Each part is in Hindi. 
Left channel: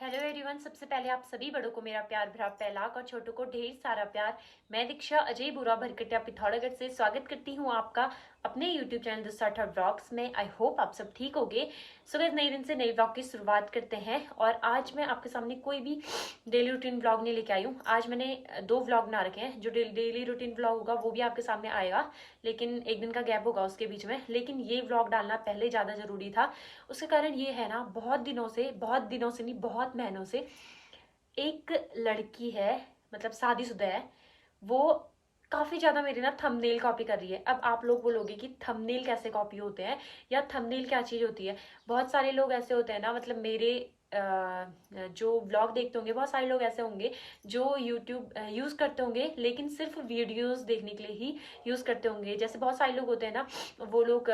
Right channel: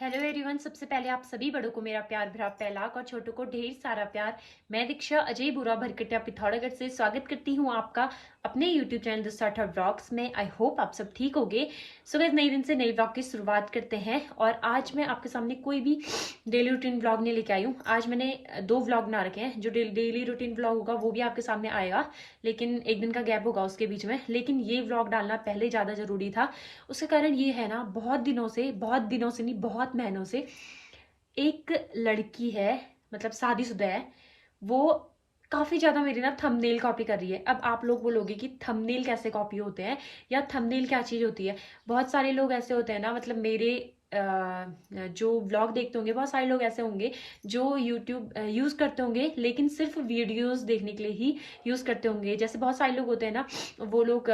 Hello everyone. सबसे पहले आप सभी बड़ों को मेरा प्यार भरा पहलाक और छोटों को ढेर सारा प्यार। मैं दीक्षा अजय बुरा भरकटिया पिथौरागढ़ से स्वागत करती हूँ आपका अपने YouTube channel the starter vlogs में। आई होप आप सब ठीक होगे। सो गाइस, नए दिन से नए व्लॉग की शुरुआत करते हैं और आज मैं आपके सामने कोई भी डेली रूटीन व्लॉग नहीं लेके आई हूँ। आज मैंने दो व्लॉग बना रखे हैं। जो डेली रूटीन व्लॉग होगा वो भी आपके सामने आएगा, लेकिन एक दिन का गैप होगा उसके बीच में। लेकिन ये व्लॉग डालना पहले ज़्यादा ज़रूरी था। उसके कारण ये है ना, बहुत दिनों से नहीं, बहुत महीनों से एक लड़की है, मतलब शादीशुदा है, वो काफी ज्यादा मेरी ना थंबनेल कॉपी कर रही है। अब आप लोग बोलोगे कि थंबनेल कैसे कॉपी होते हैं या थंबनेल क्या चीज होती है। बहुत सारे लोग ऐसे होते हैं ना, मतलब मेरे जो व्लॉग देखते होंगे, बहुत सारे लोग ऐसे होंगे जो यूट्यूब यूज करते होंगे लेकिन सिर्फ वीडियोस देखने के लिए ही यूज करते होंगे। जैसे बहुत सारे लोग होते हैं ना, वो लोग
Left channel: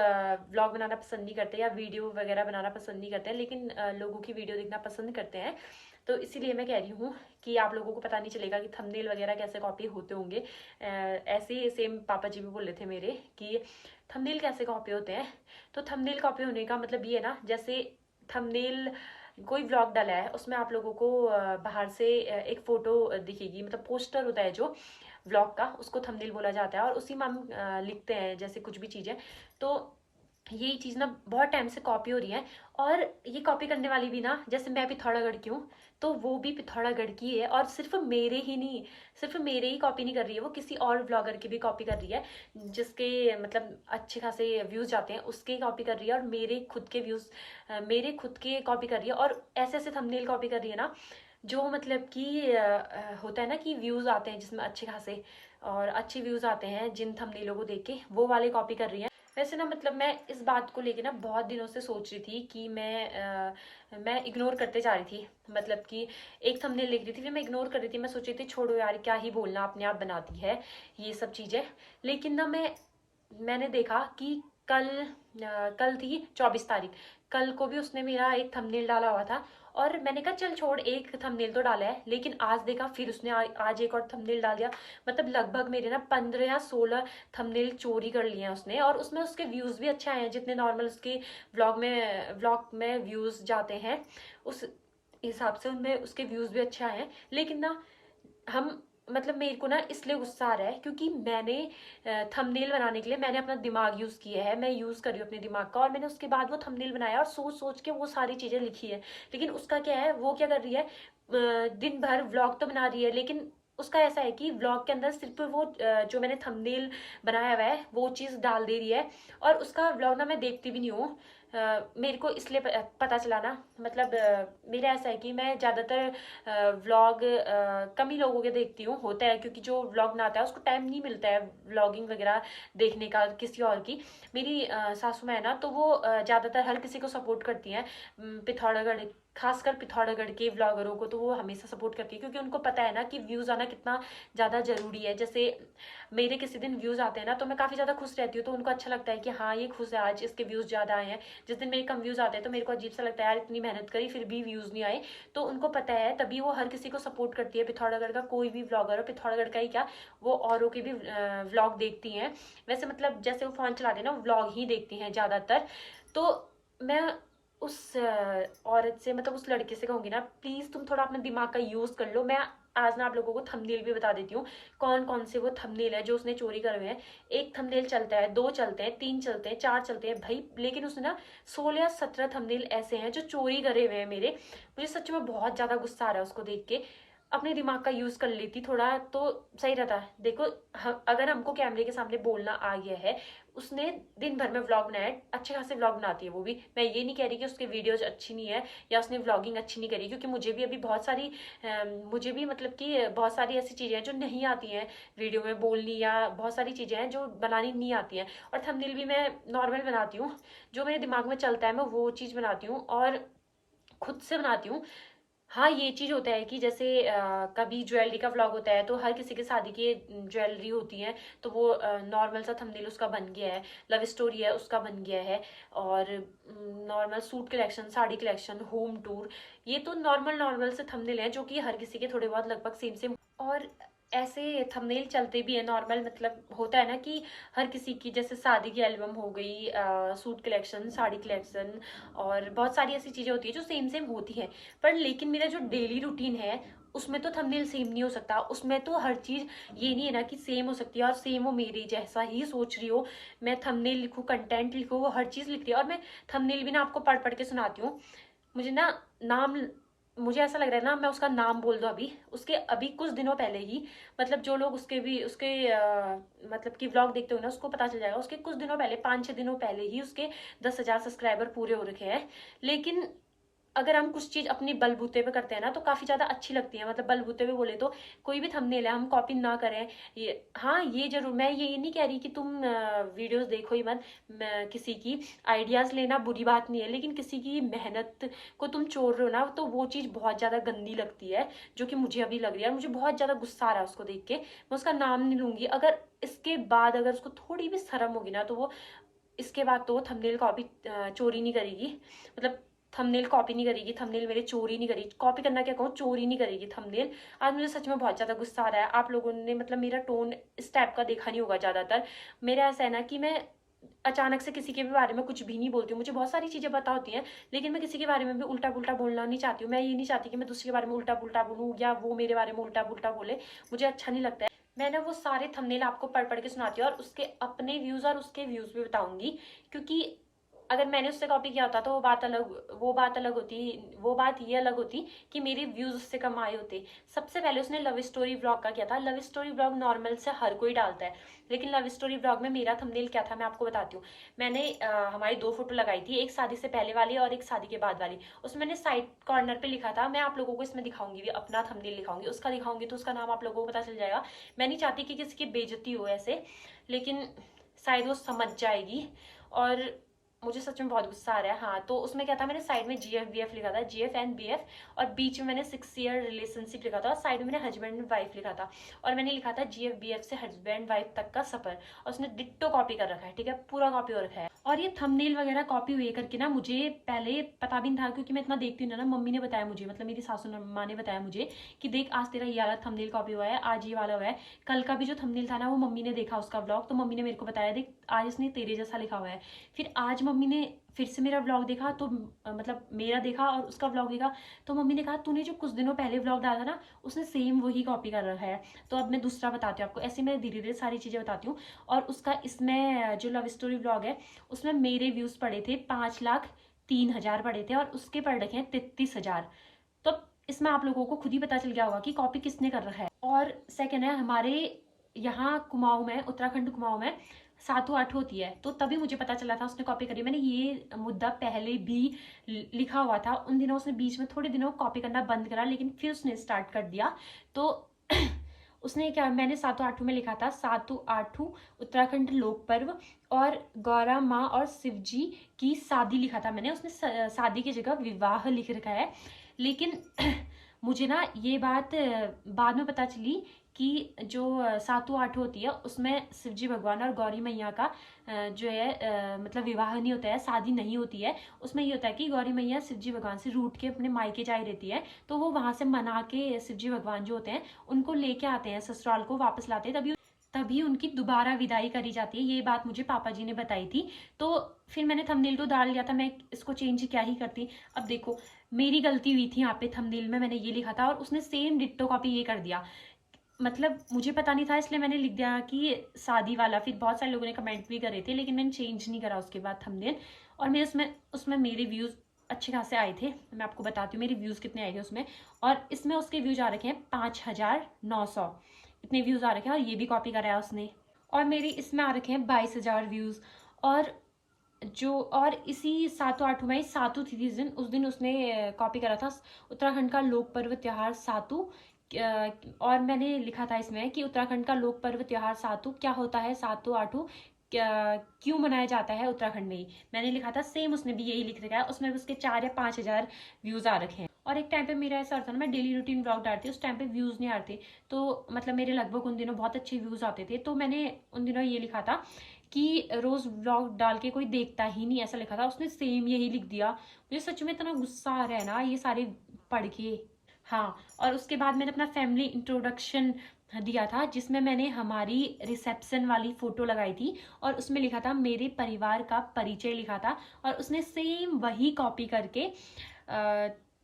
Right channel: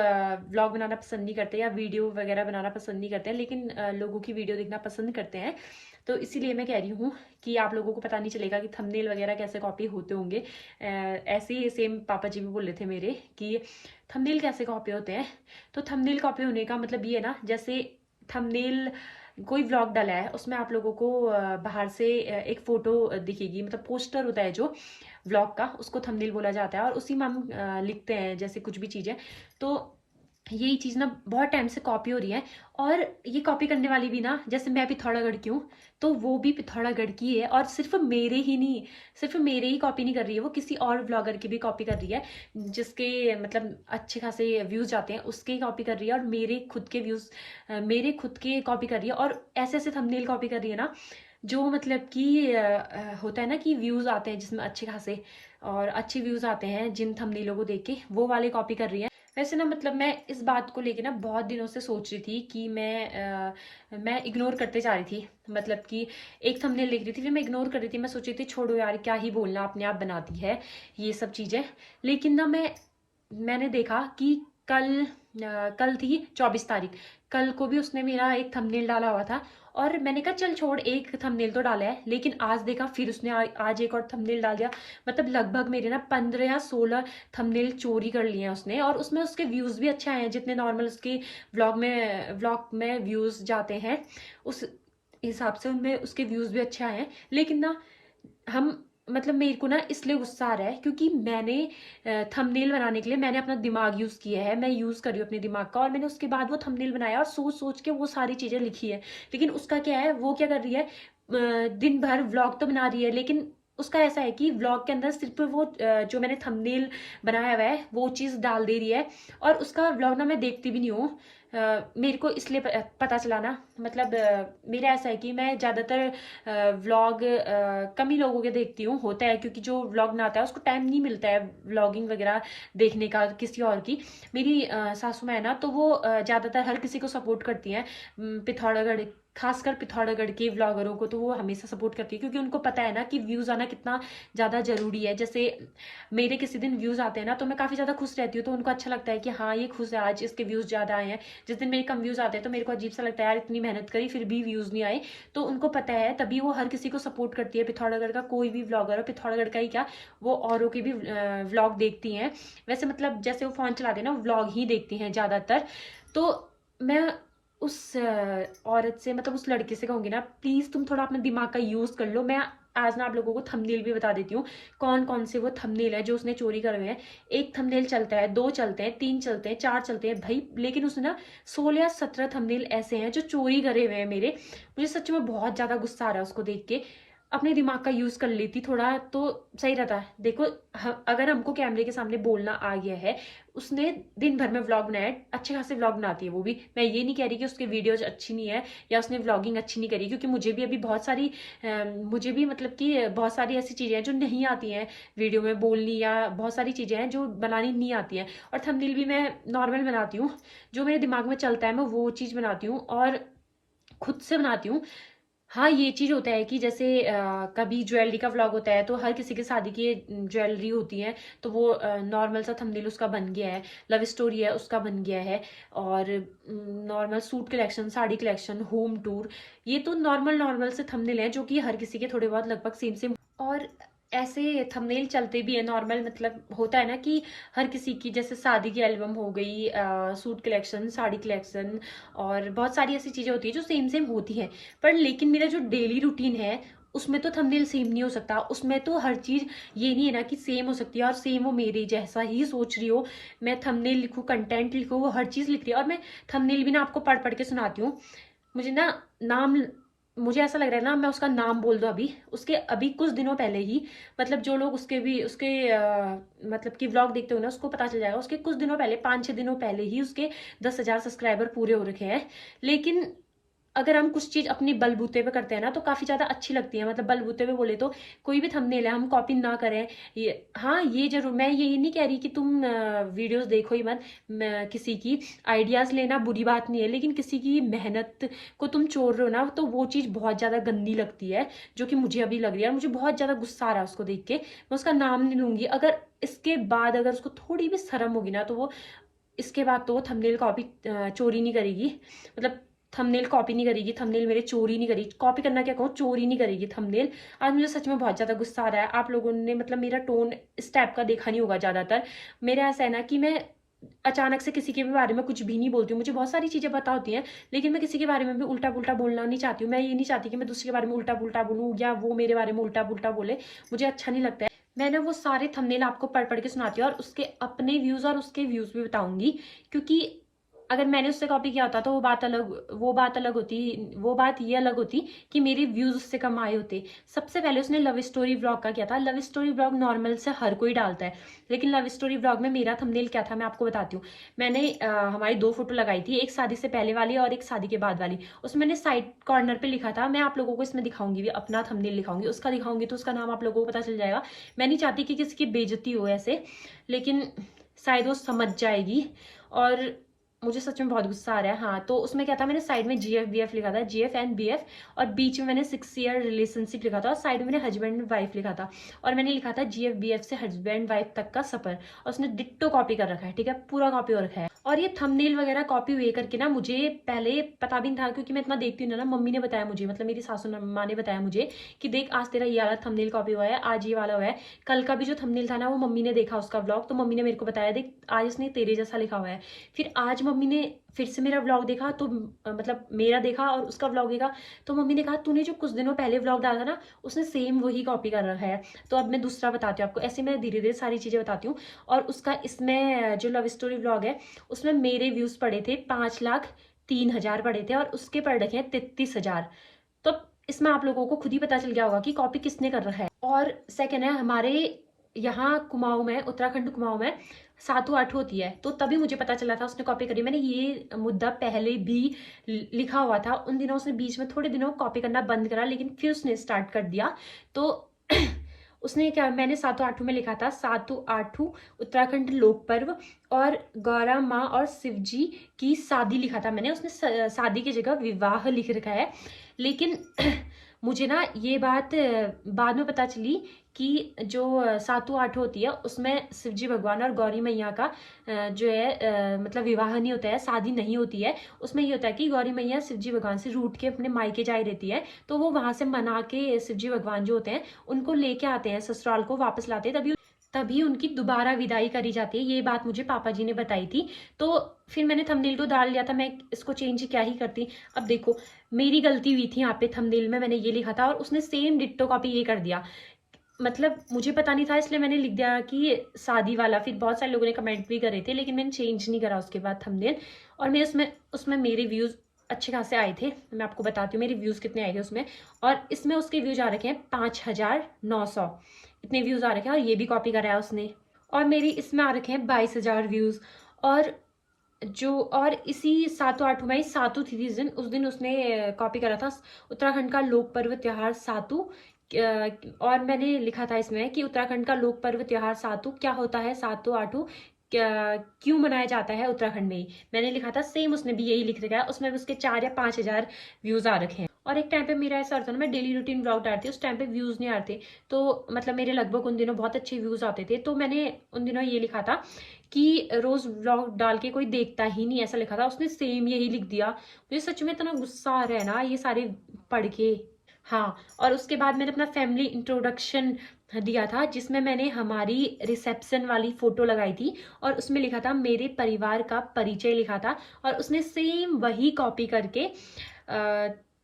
व्लॉग बनाना पसंद नहीं करते या वीडियो वगैरह बनाना पसंद नहीं करते हैं, लेकिन लोगों की वीडियो देखना पसंद करते हैं। तो इसीलिए मैं कह रही हूँ कि आप लोगों को पता नहीं चलेगा कि थंबनेल वगैरह कैसे कॉपी होते होंगे। ऐसे ही सेम पापा जी भी बोल रहे थे मेरे कि थंबनेल कैसे कॉपी होते हैं। तो थंबनेल कॉपी होने का मतलब ये है ना, जैसे थंबनेल कोई व्लॉग डाला है उसमें आप लोगों को बाहर से एक फोटो दिखेगी, मतलब पोस्टर होता है जो व्लॉग का, उसको थंबनेल बोला जाता है। और उसी में हम लिखते हैं जैसे कुछ भी चीज़ें। तो यही चीज़ ना बहुत टाइम से कॉपी हो रही है। और ये कॉपी करने वाली भी ना, जैसे मैं पिथौरागढ़ की हूँ तो वो भी पिथौरागढ़ की है। और सिर्फ मेरे ही कॉपी नहीं कर रही है, वो किसी और ब्लॉगर की भी कॉपी कर रही है जिसके मतलब अच्छे खासे व्यूज आते हैं, उसके कॉपी कर रही है। और मेरे खुद के कॉपी कर रही है। और ऐसे ऐसे थंबनेल कॉपी कर रही है ना, जो मतलब कि होता है ना कि व्यूज आते हैं जिसमें अच्छे खासे और अच्छे व्यूज आते हैं जिन थंबनेलों को देख के, वो वाले कॉपी कर रही है। वैसे ना, मतलब मैं इस बात को लेके ना बहुत दिनों से सोच रही थी कि मैं इग्नोर करते जा रही थी। मतलब कि एक थंबनेल देख रही थी, फिर मैं इग्नोर कर रही थी। मैं सोच रही थी छोड़ो यार, क्या ही बोलना, अपने आप बनाती है ये सब चीजें। लेकिन ना मैंने देखा कि कल थी 24 तारीख। कल को भी उसने मेरा एक थंबनेल डाला हुआ था और मैंने कहा चल छोड़, एक थंबनेल तो डाला है। लेकिन आज देखा, फिर उसने आज एक और थंबनेल डाल दिया। मतलब लगभग मेरे ना 15 या 16 थंबनेल चोरी कर लिए हैं उसने। और उसमें उसके व्यूज भी अच्छे आए हैं, जितने नॉर्मल उसके व्लॉग में व्यूज जाते हैं उस हिसाब से उनमें उसके व्यूज भी अच्छे आए हैं। लेकिन ना हम मतलब मेरे को ना इसलिए गुस्सा आ रहा है क्योंकि मैंने थंबनेल बनाने के लिए मैंने अपना दिमाग यूज किया है। मैं यूज कर रही हूँ अपने दिमाग का, और मैंने उसके बाद वो थंबनेल बनाया और सोच सोच के वो सारी चीजें लिखी है। लेकिन उसका क्या है, वो क्या कर रही है, दिन भर व्लॉग तो बना रही है, लेकिन उसका ऐसा है कि व्लॉग के अंदर सिर्फ वो जो मैंने थंबनेल बनाया हुआ है वो चीज डाल दे रही है। और उसका व्लॉग ना मैं देखती भी नहीं हूँ। मेरे को इसलिए पता चला ना, मतलब मेरा ऐसा है कि मैं ज्यादातर व्लॉग कम ही लोगों के देखती हूँ। होता है क्योंकि जो व्लॉग बनाता है उसको टाइम नहीं मिलता है व्लॉगिंग वगैरह देखने का किसी और की। मेरी सासू माँ है ना, तो वो ज्यादातर हर किसी को सपोर्ट करती हैं। पिथौरागढ़, खासकर पिथौरागढ़ के व्लॉगरों को तो वो हमेशा सपोर्ट करती है, क्योंकि उनको पता है ना कि व्यूज आना कितना ज्यादा जरूरी है। जैसे मेरे किसी दिन व्यूज आते हैं ना, तो मैं काफी ज्यादा खुश रहती हूँ, तो उनको अच्छा लगता है कि हाँ ये खुश है, आज इसके व्यूज ज्यादा आए हैं। जिस दिन मेरे कम व्यूज आते हैं तो मेरे को अजीब सा लगता है, यार इतनी मेहनत करी फिर भी व्यूज नहीं आए। तो उनको पता है, तभी वो हर किसी को सपोर्ट करती है। पिथौरागढ़ का कोई भी व्लॉगर हो, पिथौरागढ़ का ही क्या, वो औरों के भी व्लॉग देखती हैं। वैसे मतलब जैसे वो फोन चलाते हैं ना, व्लॉग ही देखती हैं ज्यादातर। तो मैं उस औरत से, मतलब उस लड़के से कहूंगी ना, प्लीज तुम थोड़ा अपना दिमाग का यूज कर लो। मैं आज ना आप लोगों को थंबनेल भी बता देती हूँ कौन कौन से वो थंबनेल है जो उसने चोरी करे हुए हैं। एक थंबनेल चलता है, दो चलते हैं, तीन चलते हैं, चार चलते हैं भाई, लेकिन उसने ना 16 या 17 थंबनेल ऐसे हैं जो चोरी करे हुए हैं मेरे। मुझे सच में बहुत ज्यादा गुस्सा आ रहा है उसको देख के। अपने दिमाग का यूज कर लेती थोड़ा तो सही रहता है। देखो, अगर हमको कैमरे के सामने बोलना आ गया है, उसने दिन भर में व्लॉग बनाया है, अच्छे खासे व्लॉग बनाती है वो भी। मैं ये नहीं कह रही कि उसकी वीडियोज अच्छी नहीं है या उसने व्लॉगिंग अच्छी नहीं करी, क्योंकि मुझे भी अभी मुझे भी मतलब कि बहुत सारी ऐसी चीजें हैं जो नहीं आती हैं वीडियो में बोलनी, या बहुत सारी चीजें हैं जो बनानी नहीं आती हैं। और थंबनेल भी मैं नॉर्मल बनाती हूँ, जो मेरे दिमाग में चलता है मैं वो चीज बनाती हूँ और खुद से बनाती हूँ। हाँ, ये चीज होता है कि जैसे कभी ज्वेलरी का व्लॉग होता है तो हर किसी के शादी की ज्वेलरी होती है, तो वो नॉर्मल सा थंबनेल उसका बन गया है। लव स्टोरी है उसका बन गया है। और normal suit collection, sari collection, home tour, ये तो नॉर्मल नॉर्मल से थंबनेल है जो कि हर किसी के थोड़े बहुत लगभग सेम सेम। और ऐसे थंबनेल चलते भी है नॉर्मल, मतलब होता है ना कि हर किसी की जैसे शादी की एल्बम हो गई, सूट कलेक्शन, साड़ी कलेक्शन, और बहुत सारी ऐसी चीजें होती है जो सेम सेम होती हैं। पर लेकिन मेरा जो डेली रूटीन है उसमें तो थंबनेल सेम नहीं हो सकता। उसमें तो हर चीज ये नहीं है ना कि सेम हो सकती है और सेम वो मेरे जैसा ही सोच रही हो। मैं थंबनेल लिखूं, कंटेंट लिखूं, वो हर चीज लिख रही है। और मैं थंबनेल भी ना आपको पढ़ पढ़ के सुनाती हूँ। मुझे ना नाम मुझे ऐसा लग रहा है ना मैं उसका नाम बोल दूं अभी। उसके अभी कुछ दिनों पहले ही, मतलब जो लोग उसके मतलब कि व्लॉग देखते हो ना उसको पता चल जाएगा। उसके कुछ दिनों पहले, 5-6 दिनों पहले ही उसके 10,000 सब्सक्राइबर पूरे हो रखे हैं। लेकिन अगर हम कुछ चीज अपनी बलबूते पे करते हैं ना तो काफी ज्यादा अच्छी लगती है। मतलब बलबूते पे बोले तो कोई भी थंबनेल है हम कॉपी ना करें। ये हाँ, ये जरूर, मैं ये नहीं कह रही कि तुम वीडियोस देखो ही मत। किसी की आइडियाज लेना बुरी बात नहीं है, लेकिन किसी की मेहनत को तुम चोर रहे हो ना तो वो चीज बहुत ज्यादा गंदी लगती है, जो कि मुझे अभी लग रही है। और मुझे बहुत ज्यादा गुस्सा आ रहा है उसको देख के। मैं उसका नाम नहीं लूंगी। अगर इसके बाद अगर उसको थोड़ी भी शर्म होगी ना तो वो इसके बाद तो थंबनेल कॉपी चोरी नहीं करेगी। मतलब थंबनेल कॉपी नहीं करेगी, थंबनेल मेरे चोरी नहीं करेगी। कॉपी करना क्या कहूँ, चोरी नहीं करेगी थंबनेल। आज मुझे सच में बहुत ज्यादा गुस्सा आ रहा है। आप लोगों ने मतलब मेरा टोन इस टाइप का देखा नहीं होगा ज्यादातर। मेरा ऐसा है ना कि मैं अचानक से किसी के भी बारे में कुछ भी नहीं बोलती हूँ। मुझे बहुत सारी चीजें पता होती हैं, लेकिन मैं किसी के बारे में भी उल्टा पुल्टा बोलना नहीं चाहती हूँ। मैं ये नहीं चाहती कि मैं दूसरे के बारे में उल्टा पुल्टा बोलूँ या वो मेरे बारे में उल्टा पुल्टा बोले। मुझे अच्छा नहीं लगता है। मैं ना वो सारे थंबनेल आपको पढ़ पढ़ के सुनाती हूँ और उसके अपने व्यूज और उसके व्यूज भी बताऊंगी। क्योंकि अगर मैंने उससे कॉपी किया होता तो वो बात ये अलग होती कि मेरे व्यूज उससे कम आए होते। सबसे पहले उसने लव स्टोरी व्लॉग का किया था। लव स्टोरी व्लॉग नॉर्मल से हर कोई डालता है, लेकिन लव स्टोरी व्लॉग में मेरा थंबनेल क्या था मैं आपको बताती हूँ। मैंने हमारी 2 फोटो लगाई थी, एक शादी से पहले वाली और एक शादी के बाद वाली। उसमें मैंने साइड कॉर्नर पे लिखा था, मैं आप लोगों को इसमें दिखाऊंगी भी, अपना थंबनेल दिखाऊंगी, उसका दिखाऊंगी तो उसका नाम आप लोगों को पता चल जाएगा। मैं नहीं चाहती कि किसी की बेइज्जती हो ऐसे, लेकिन शायद वो समझ जाएगी। और मुझे सच में बहुत गुस्सा आ रहा है। हाँ, तो उसमें क्या था, मैंने साइड में GF BF लिखा था, GF एंड BF, और बीच में मैंने 6 ईयर रिलेशनशिप लिखा था और साइड में मैंने हस्बैंड एंड वाइफ लिखा था। और मैंने लिखा था GF BF से हस्बैंड वाइफ तक का सफर। और उसने डिट्टो कॉपी कर रखा है, ठीक है, पूरा कॉपी हो रखा है। और ये थंबनेल वगैरह कॉपी हुए करके ना मुझे पहले पता भी नहीं था, क्योंकि मैं इतना देखती हूँ ना। मम्मी ने बताया मुझे, मतलब मेरी सासू माँ ने बताया मुझे कि देख आज तेरा ये वाला थंबनेल कॉपी हुआ है, आज ये वाला हुआ है। कल का भी जो थंबनेल था ना वो मम्मी ने देखा उसका व्लॉग, तो मम्मी ने मेरे को बताया देख आज इसने तेरे जैसा लिखा हुआ है। फिर आज मम्मी ने फिर से मेरा व्लॉग देखा तो मतलब मेरा देखा और उसका व्लॉग देखा, तो मम्मी ने कहा तूने जो कुछ दिनों पहले व्लॉग डाला था ना उसने सेम वही कॉपी कर रखा है। तो अब मैं दूसरा बताती हूँ आपको। ऐसे मैं धीरे धीरे सारी चीजें बताती हूँ। और उसका इसमें जो लव स्टोरी व्लॉग है उसमें मेरे व्यूज पड़े थे 5,03,000 पड़े थे और उसके पड़ रखे हैं 33,000। तो इसमें आप लोगों को खुद ही पता चल गया होगा कि कॉपी किसने कर रखा है। और सेकंड है, हमारे यहाँ कुमाऊं में, उत्तराखंड कुमाऊं में सातु आठ होती है, तो तभी मुझे पता चला था उसने कॉपी करी। मैंने ये मुद्दा पहले भी लिखा हुआ था। उन दिनों उसने बीच में थोड़े दिनों कॉपी करना बंद करा, लेकिन फिर उसने स्टार्ट कर दिया। तो उसने क्या, मैंने सातु आठू में लिखा था सातु आठू उत्तराखंड लोक पर्व और गौरा माँ और शिवजी की शादी लिखा था मैंने। उसने शादी की जगह विवाह लिख रखा है। लेकिन मुझे ना ये बात बाद में पता चली कि जो सातु आठ होती है उसमें शिवजी भगवान और गौरी मैया का जो है मतलब विवाह नहीं होता है, शादी नहीं होती है। उसमें ये होता है कि गौरी मैया शिवजी भगवान से रूठ के अपने मायके जाए रहती है, तो वो वहां से मना के शिवजी भगवान जो होते हैं उनको लेके आते हैं, ससुराल को वापस लाते हैं, तभी तभी उनकी दोबारा विदाई करी जाती है। ये बात मुझे पापा जी ने बताई थी। तो फिर मैंने थंबनेल तो डाल लिया था, मैं इसको चेंज क्या ही करती। अब देखो मेरी गलती हुई थी यहाँ पे, थंबनेल में मैंने ये लिखा था और उसने सेम डिट्टो कॉपी ये कर दिया। मतलब मुझे पता नहीं था इसलिए मैंने लिख दिया कि शादी वाला। फिर बहुत सारे लोगों ने कमेंट भी करे थे, लेकिन मैंने चेंज नहीं करा उसके बाद थंबनेल। और मेरे उसमें उसमें मेरे व्यूज अच्छे खासे आए थे। मैं आपको बताती हूँ मेरे व्यूज कितने आए थे उसमें। और इसमें उसके व्यूज आ रखे हैं 5,900, इतने व्यूज आ रखे हैं। और ये भी कॉपी करा है उसने। और मेरी इसमें आ रखे हैं 22,000 व्यूज। और और इसी सातों आठों में सातु थी जिस दिन, उस दिन उसने कॉपी करा था उत्तराखंड का लोक पर्व त्योहार सातु। और मैंने लिखा था इसमें कि उत्तराखंड का लोक पर्व त्योहार सातु क्या होता है, सातु आठू क्यों मनाया जाता है उत्तराखंड में ही, मैंने लिखा था। सेम उसने भी यही लिख रखा है। उसमें भी उसके 4 या 5 हजार व्यूज आ रखे हैं। और एक टाइम पे मेरा ऐसा होता ना, मैं डेली रूटीन ब्लॉग डालती उस टाइम पे व्यूज नहीं आते, तो मतलब मेरे लगभग उन दिनों बहुत अच्छे व्यूज आते थे। तो मैंने उन दिनों ये लिखा था कि रोज व्लॉग डाल के कोई देखता ही नहीं, ऐसा लिखा था। उसने सेम यही लिख दिया। मुझे सच में इतना गुस्सा आ रहा है ना ये सारे पढ़ के। हाँ, और उसके बाद मैंने अपना फैमिली इंट्रोडक्शन दिया था, जिसमें मैंने हमारी रिसेप्शन वाली फ़ोटो लगाई थी और उसमें लिखा था मेरे परिवार का परिचय लिखा था। और उसने सेम वही कॉपी करके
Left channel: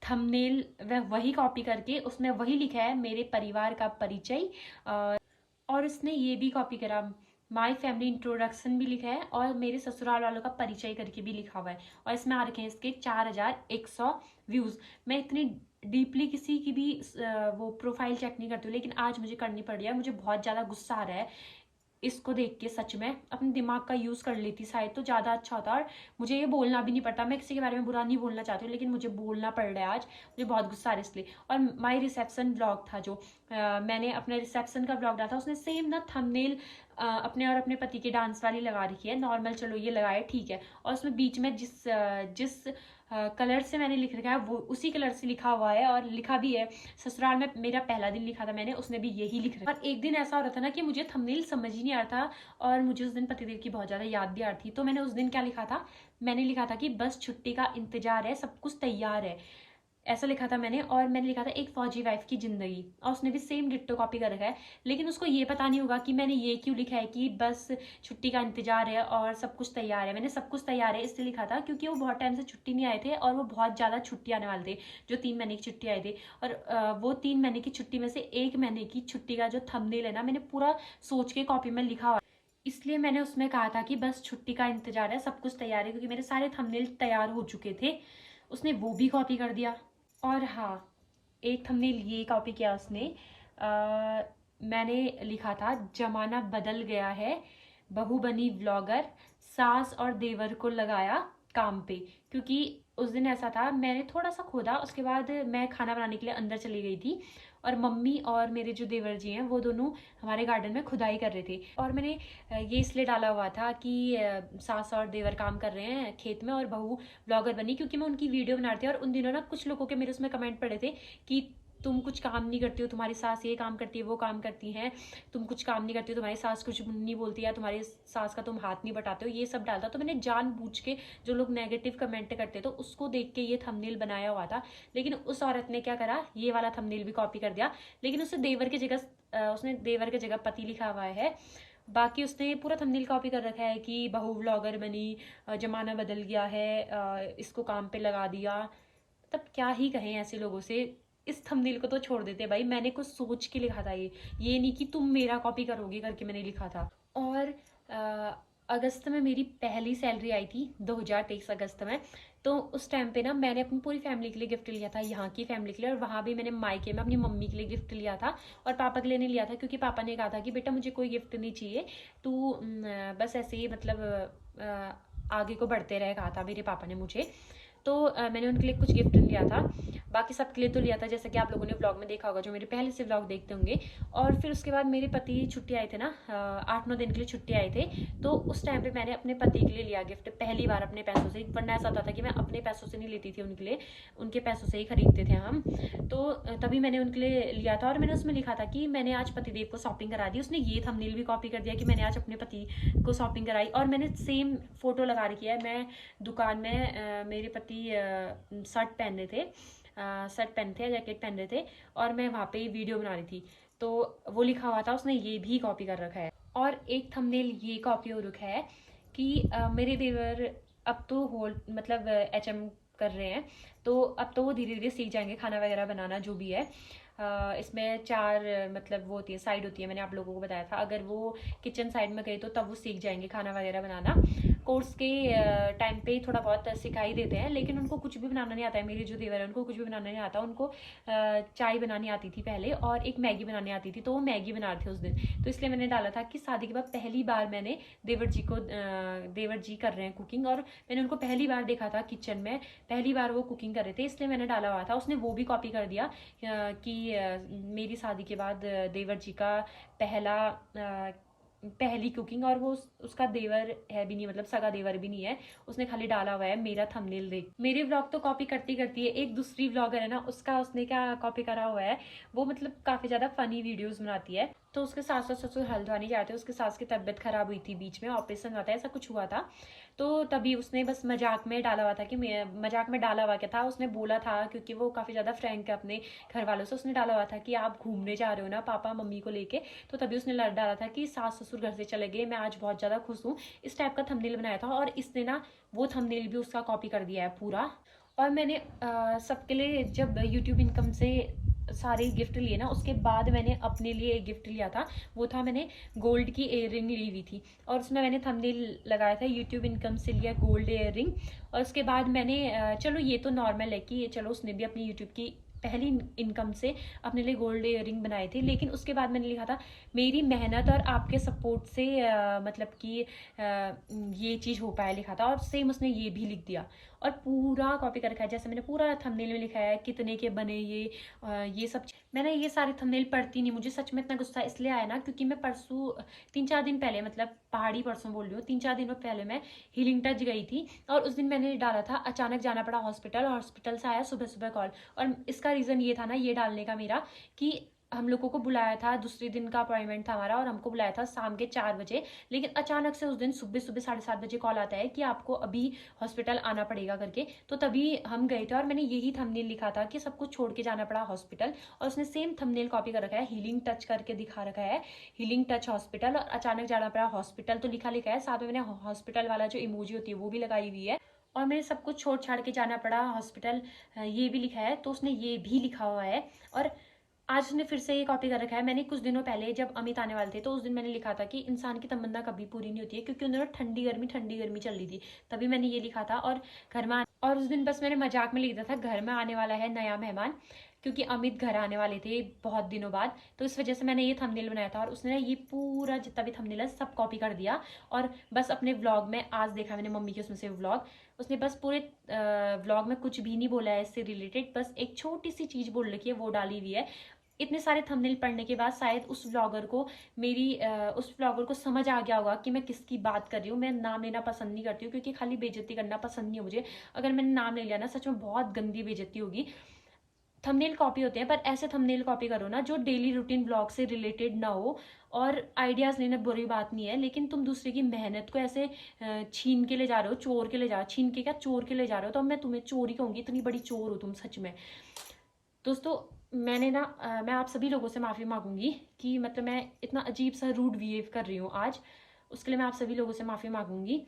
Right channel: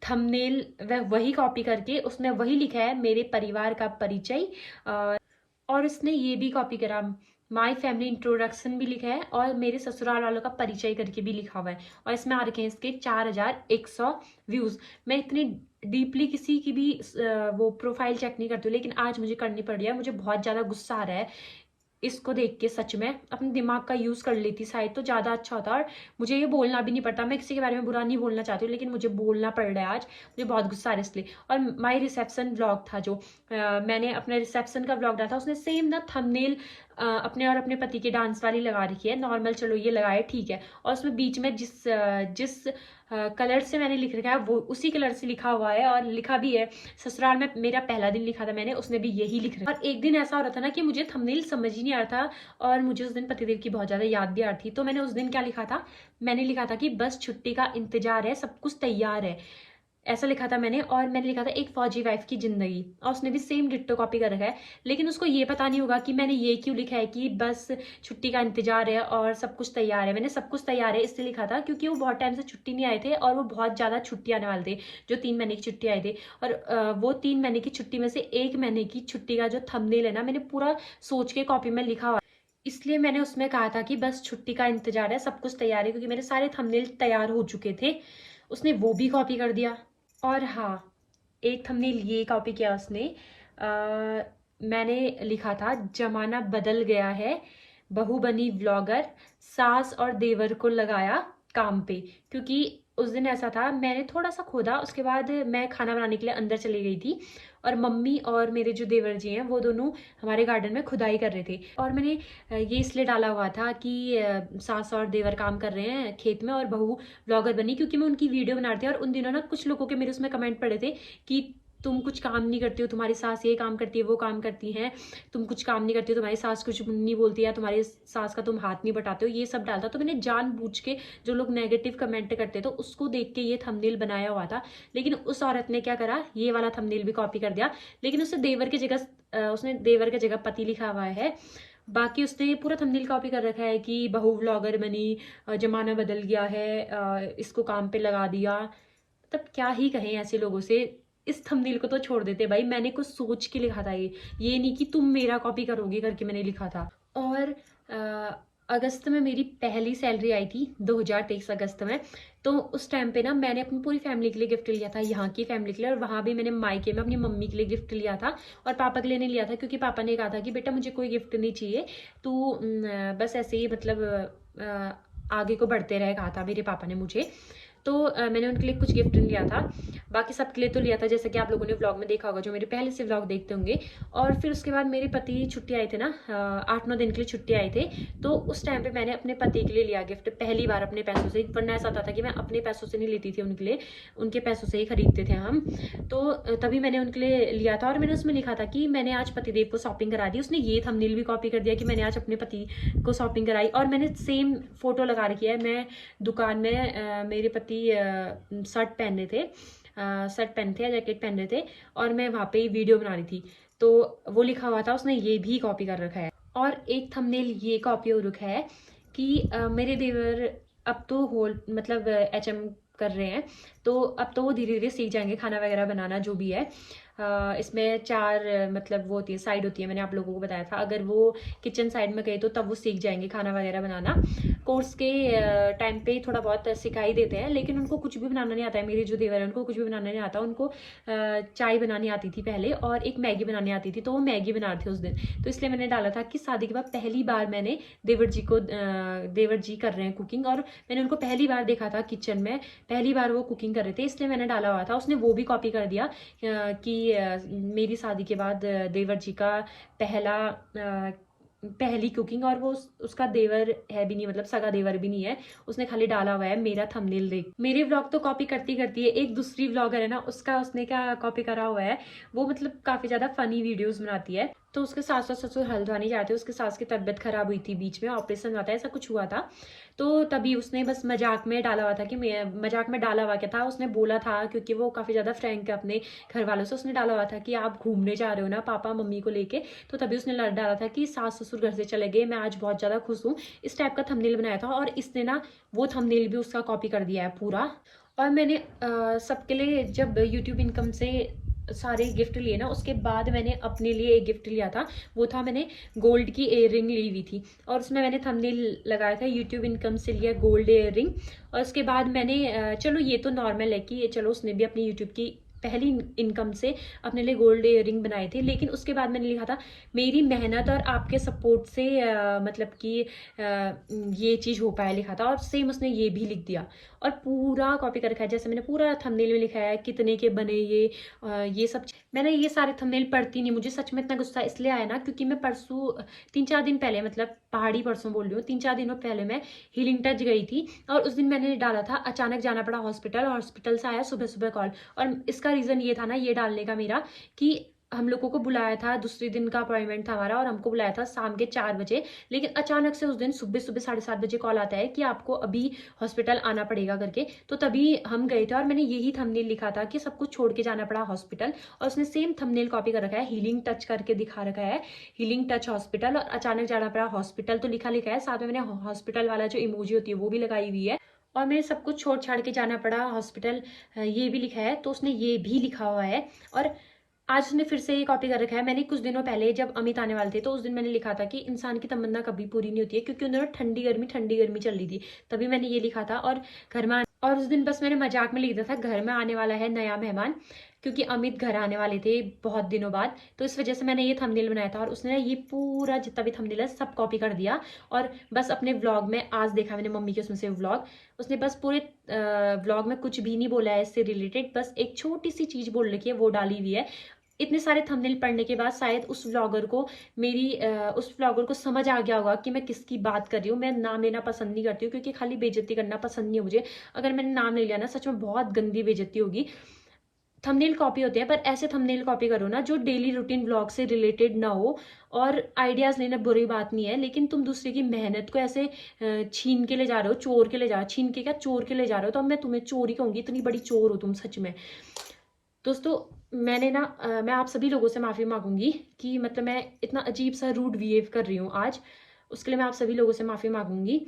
थंबनेल वही कॉपी करके उसमें वही लिखा है मेरे परिवार का परिचय। और उसने ये भी कॉपी करा, माय फैमिली इंट्रोडक्शन भी लिखा है और मेरे ससुराल वालों का परिचय करके भी लिखा हुआ है। और इसमें आ रखे हैं इसके 4100 व्यूज। मैं इतनी डीपली किसी की भी वो प्रोफाइल चेक नहीं करती हूँ, लेकिन आज मुझे करनी पड़ रही है। मुझे बहुत ज़्यादा गुस्सा आ रहा है इसको देख के। सच में अपने दिमाग का यूज़ कर लेती शायद तो ज़्यादा अच्छा होता। और मुझे ये बोलना भी नहीं पड़ता, मैं किसी के बारे में बुरा नहीं बोलना चाहती हूँ, लेकिन मुझे बोलना पड़ रहा है आज। मुझे बहुत गुस्सा आ रहा है इसलिए। और माई रिसेप्शन व्लॉग था जो मैंने अपने रिसेप्शन का व्लॉग डाला था, उसने सेम ना थंबनेल अपने और अपने पति के डांस वाली लगा रखी है। नॉर्मल चलो ये लगाए ठीक है, और उसमें बीच में जिस कलर से मैंने लिख रखा है वो उसी कलर से लिखा हुआ है। और लिखा भी है ससुराल में मेरा पहला दिन लिखा था मैंने, उसने भी यही लिख रखा है। और एक दिन ऐसा हो रहा था ना कि मुझे थंबनेल समझ ही नहीं आ रहा था, और मुझे उस दिन पतिदेव की बहुत ज़्यादा याद भी आ रही थी। तो मैंने उस दिन क्या लिखा था, मैंने लिखा था कि बस छुट्टी का इंतजार है, सब कुछ तैयार है, ऐसा लिखा था मैंने। और मैंने लिखा था एक फौजी वाइफ की जिंदगी, और उसने भी सेम डिट्टो कॉपी कर रखा है। लेकिन उसको ये पता नहीं होगा कि मैंने ये क्यों लिखा है कि बस छुट्टी का इंतजार है और सब कुछ तैयार है। मैंने सब कुछ तैयार है इसलिए लिखा था क्योंकि वो बहुत टाइम से छुट्टी नहीं आए थे, और वो बहुत ज़्यादा छुट्टी आने वाले थे, जो 3 महीने की छुट्टी आए थे। और वो 3 महीने की छुट्टी में से 1 महीने की छुट्टी का जो थंबनेल है ना, मैंने पूरा सोच के कॉपी में लिखा हुआ, इसलिए मैंने उसमें कहा था कि बस छुट्टी का इंतजार है, सब कुछ तैयार है, क्योंकि मेरे सारे थंबनेल तैयार हो चुके थे। उसने वो भी कॉपी कर दिया। और हाँ, एक थंबनेल ये कॉपी किया उसने, मैंने लिखा था जमाना बदल गया है, बहू बनी व्लॉगर, सास और देवर को लगाया काम पे। क्योंकि उस दिन ऐसा था, मैंने थोड़ा सा खोदा, उसके बाद मैं खाना बनाने के लिए अंदर चली गई थी, और मम्मी और मेरे जो देवर जी हैं वो दोनों हमारे गार्डन में खुदाई कर रहे थे। और मैंने ये इसलिए डाला हुआ था कि सास और देवर काम कर रहे हैं खेत में और बहू ब्लॉगर बनी, क्योंकि मैं उनकी वीडियो बना रही थी। और उन दिनों ना कुछ लोगों के मेरे उसमें कमेंट पड़े थे कि तुम कुछ काम नहीं करती हो, तुम्हारी सास ये काम करती है वो काम करती हैं, तुम कुछ काम नहीं करती हो, तुम्हारी सास कुछ नहीं बोलती है, तुम्हारी सास का तुम हाथ नहीं बटाते हो, ये सब डालता। तो मैंने जानबूझ के, जो लोग नेगेटिव कमेंट करते तो उसको देख के ये थंबनेल बनाया हुआ था। लेकिन उस औरत ने क्या करा, ये वाला थंबनेल भी कॉपी कर दिया, लेकिन उसने देवर की जगह उसने देवर की जगह पति लिखा हुआ है। बाकी उसने पूरा थंबनेल कॉपी कर रखा है कि बहू व्लॉगर बनी, जमाना बदल गया है, इसको काम पे लगा दिया। तब क्या ही कहें ऐसे लोगों से। इस थंबनेल को तो छोड़ देते भाई, मैंने कुछ सोच के लिखा था ये नहीं कि तुम मेरा कॉपी करोगे करके मैंने लिखा था। और अगस्त में मेरी पहली सैलरी आई थी, 2023 अगस्त में। तो उस टाइम पे ना मैंने अपनी पूरी फैमिली के लिए गिफ्ट लिया था, यहाँ की फैमिली के लिए। और वहाँ भी मैंने मायके में अपनी मम्मी के लिए गिफ्ट लिया था, और पापा के लिए नहीं लिया था, क्योंकि पापा ने कहा था कि बेटा मुझे कोई गिफ्ट नहीं चाहिए, तू बस ऐसे ही मतलब आगे को बढ़ते रहे, कहा था मेरे पापा ने मुझे। तो मैंने उनके लिए कुछ गिफ्ट लिया था, बाकी सबके लिए तो लिया था, जैसे कि आप लोगों ने व्लॉग में देखा होगा जो मेरे पहले से व्लॉग देखते होंगे। और फिर उसके बाद मेरे पति छुट्टी आए थे ना, 8-9 दिन के लिए छुट्टी आए थे। तो उस टाइम पे मैंने अपने पति के लिए लिया गिफ्ट, पहली बार अपने पैसों से। वरना ऐसा होता था कि मैं अपने पैसों से नहीं लेती थी उनके लिए, उनके पैसों से ही खरीदते थे हम। तो तभी मैंने उनके लिए लिया था, और मैंने उसमें लिखा था कि मैंने आज पतिदेव को शॉपिंग करा दी। उसने ये थंबनेल भी कॉपी कर दिया कि मैंने आज अपने पति को शॉपिंग कराई। और मैंने सेम फोटो लगा रखी है, मैं दुकान में मेरे पति शर्ट पहने थे, शर्ट पहने थे या जैकेट पहन रहे थे, और मैं वहाँ पे वीडियो बना रही थी। तो वो लिखा हुआ था, उसने ये भी कॉपी कर रखा है। और एक थंबनेल ये कॉपी हो रखा है कि मेरे देवर अब तो होल मतलब HM कर रहे हैं, तो अब तो वो धीरे धीरे सीख जाएंगे खाना वगैरह बनाना जो भी है। इसमें 4 मतलब वो होती है, साइड होती है, मैंने आप लोगों को बताया था। अगर वो किचन साइड में गए तो तब वो सीख जाएंगे खाना वगैरह बनाना। कोर्स के टाइम पे थोड़ा बहुत सिखाई देते हैं, लेकिन उनको कुछ भी बनाना नहीं आता है। मेरे जो देवर है उनको कुछ भी बनाना नहीं आता। उनको चाय बनानी आती थी पहले, और एक मैगी बनानी आती थी, तो वो मैगी बना रहे थे उस दिन। तो इसलिए मैंने डाला था कि शादी के बाद पहली बार मैंने देवर जी कर रहे हैं कुकिंग, और मैंने उनको पहली बार देखा था किचन में, पहली बार वो कुकिंग कर रहे थे, इसलिए मैंने डाला हुआ था। उसने वो भी कॉपी कर दिया कि मेरी शादी के बाद देवर जी का पहली कुकिंग, और वो उसका देवर है भी नहीं, मतलब सगा देवर भी नहीं है। उसने खाली डाला हुआ है मेरा थंबनेल देख। मेरे व्लॉग तो कॉपी करती करती है, एक दूसरी व्लॉगर है ना, उसका उसने क्या कॉपी करा हुआ है, वो मतलब काफ़ी ज़्यादा फनी वीडियोस बनाती है। तो उसके सास और ससुर हल्द्वानी जाते, उसके सास की तबीयत खराब हुई थी, बीच में ऑपरेशन हुआ था, ऐसा कुछ हुआ था। तो तभी उसने बस मजाक में डाला हुआ था कि मैं मजाक में डाला हुआ क्या था, उसने बोला था क्योंकि वो काफ़ी ज़्यादा फ्रैंक है अपने घर वालों से, उसने डाला हुआ था कि आप घूमने जा रहे हो ना पापा मम्मी को लेके। तो तभी उसने डाला था कि सास ससुर घर से चले गए, मैं आज बहुत ज़्यादा खुश हूँ, इस टाइप का थंबनेल बनाया था। और इसने ना वो थंबनेल भी उसका कॉपी कर दिया है पूरा। और मैंने सबके लिए जब यूट्यूब इनकम से सारे गिफ्ट लिए ना, उसके बाद मैंने अपने लिए एक गिफ्ट लिया था। वो था, मैंने गोल्ड की इयर रिंग ली हुई थी और उसमें मैंने थंबनेल लगाया था यूट्यूब इनकम से लिया गोल्ड इयर रिंग। और उसके बाद मैंने चलो ये तो नॉर्मल है कि चलो उसने भी अपनी यूट्यूब की पहली इनकम से अपने लिए गोल्ड इयर रिंग बनाए थे। लेकिन उसके बाद मैंने लिखा था मेरी मेहनत और आपके सपोर्ट से मतलब कि ये चीज़ हो पाया, लिखा था। और सेम उसने ये भी लिख दिया और पूरा कॉपी कर रखा है, जैसे मैंने पूरा थंबनेल में लिखा है कितने के बने ये सब। मैंने ये सारे थंबनेल पढ़ती नहीं, मुझे सच में इतना गुस्सा इसलिए आया ना क्योंकि मैं परसों 3-4 दिन पहले, मतलब पहाड़ी परसों बोल रही हूँ, 3-4 दिनों पहले मैं हीलिंग टच गई थी। और उस दिन मैंने डाला था अचानक जाना पड़ा हॉस्पिटल, हॉस्पिटल से आया सुबह सुबह कॉल। और इसका रीज़न ये था ना ये डालने का मेरा, कि हम लोगों को बुलाया था, दूसरे दिन का अपॉइंटमेंट था हमारा और हमको बुलाया था शाम के 4 बजे। लेकिन अचानक से उस दिन सुबह सुबह 7:30 बजे कॉल आता है कि आपको अभी हॉस्पिटल आना पड़ेगा करके। तो तभी हम गए थे और मैंने यही थंबनेल लिखा था कि सब कुछ छोड़ के जाना पड़ा हॉस्पिटल। और उसने सेम थंबनेल कॉपी कर रखा है, हीलिंग टच करके दिखा रखा है, हीलिंग टच हॉस्पिटल, और अचानक जाना पड़ा हॉस्पिटल तो लिखा लिखा है। साथ में मैंने हॉस्पिटल वाला जो इमोजी होती है वो भी लगाई हुई है। और मैंने सब कुछ छोड़ छाड़ के जाना पड़ा हॉस्पिटल, ये भी लिखा है, तो उसने ये भी लिखा हुआ है। और आज उसने फिर से ये कॉपी कर रखा है। मैंने कुछ दिनों पहले जब अमित आने वाले थे तो उस दिन मैंने लिखा था कि इंसान की तमन्ना कभी पूरी नहीं होती है, क्योंकि उन दिनों ठंडी गर्मी चल रही थी, तभी मैंने ये लिखा था। और घर में और उस दिन बस मैंने मजाक में लिख दिया था घर में आने वाला है नया मेहमान, क्योंकि अमित घर आने वाले थे बहुत दिनों बाद, तो इस वजह से मैंने ये थंबनेल बनाया था। और उसने ये पूरा जितना भी थंबनेल है सब कॉपी कर दिया। और बस अपने व्लॉग में आज देखा मैंने मम्मी के उसमें से व्लॉग, उसने बस पूरे व्लॉग में कुछ भी नहीं बोला है इससे रिलेटेड, बस एक छोटी सी चीज़ बोल रखी है वो डाली हुई है। इतने सारे थंबनेल पढ़ने के बाद शायद उस व्लॉगर को समझ आ गया होगा कि मैं किसकी बात कर रही हूँ। मैं नाम लेना पसंद नहीं करती हूँ क्योंकि खाली बेइज्जती करना पसंद नहीं है मुझे। अगर मैंने नाम ले लिया ना सच में बहुत गंदी बेइज्जती होगी। थंबनेल कॉपी होते हैं पर ऐसे थंबनेल कॉपी करो ना जो डेली रूटीन व्लॉग से रिलेटेड ना हो। और आइडियाज़ लेना बुरी बात नहीं है, लेकिन तुम दूसरे की मेहनत को ऐसे छीन के ले जा रहे हो, चोर के ले जा, छीन के क्या चोर के ले जा रहे हो, तो अब मैं तुम्हें चोर ही कहूँगी, इतनी बड़ी चोर हो तुम सच में। दोस्तों, मैंने ना मैं आप सभी लोगों से माफ़ी मांगूंगी कि मतलब मैं इतना अजीब सा रूड बिहेव कर रही हूँ आज, उसके लिए मैं आप सभी लोगों से माफ़ी मांगूंगी।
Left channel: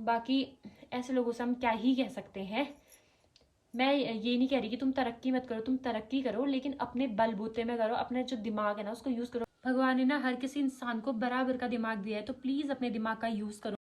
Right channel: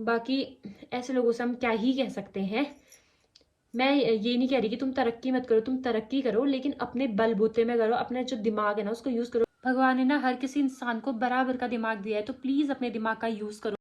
बाकी ऐसे लोगों से हम क्या ही कह सकते हैं। मैं ये नहीं कह रही कि तुम तरक्की मत करो, तुम तरक्की करो लेकिन अपने बलबूते में करो, अपने जो दिमाग है ना उसको यूज़ करो। भगवान ने ना हर किसी इंसान को बराबर का दिमाग दिया है, तो प्लीज़ अपने दिमाग का यूज़ करो।